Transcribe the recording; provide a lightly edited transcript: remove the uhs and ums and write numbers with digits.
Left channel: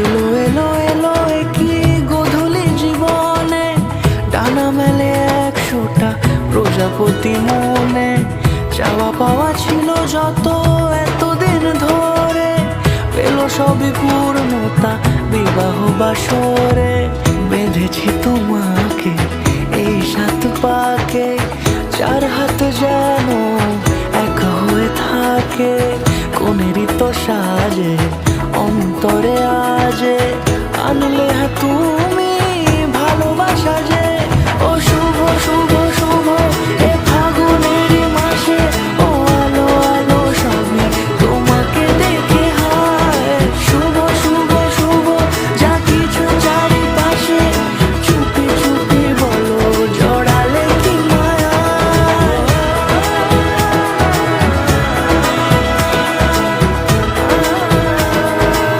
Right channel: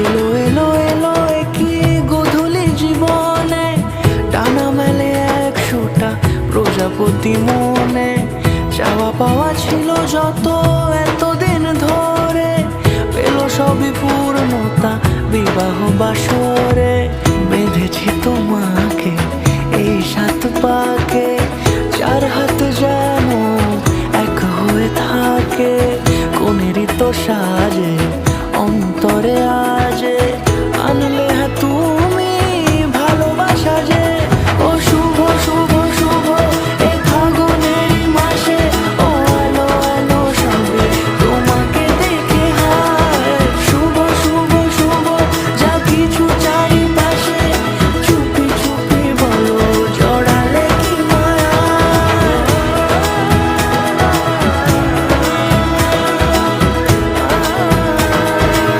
এলো এলো এলো কি গধূলি জীবনে, ডানা মেলে 100টা প্রজাপতি মনে। চাওয়া পাওয়া ছিল যত এতদিন ধরে, পেল সবই পূর্ণতা বিবাহ বাসরে। বেঁধেছি তোমাকে এই 7 পাকে, 4 হাত যেন এক হয়ে থাকে। কোনেরই তো সাজে অন্তরে আজে আনলে তুমি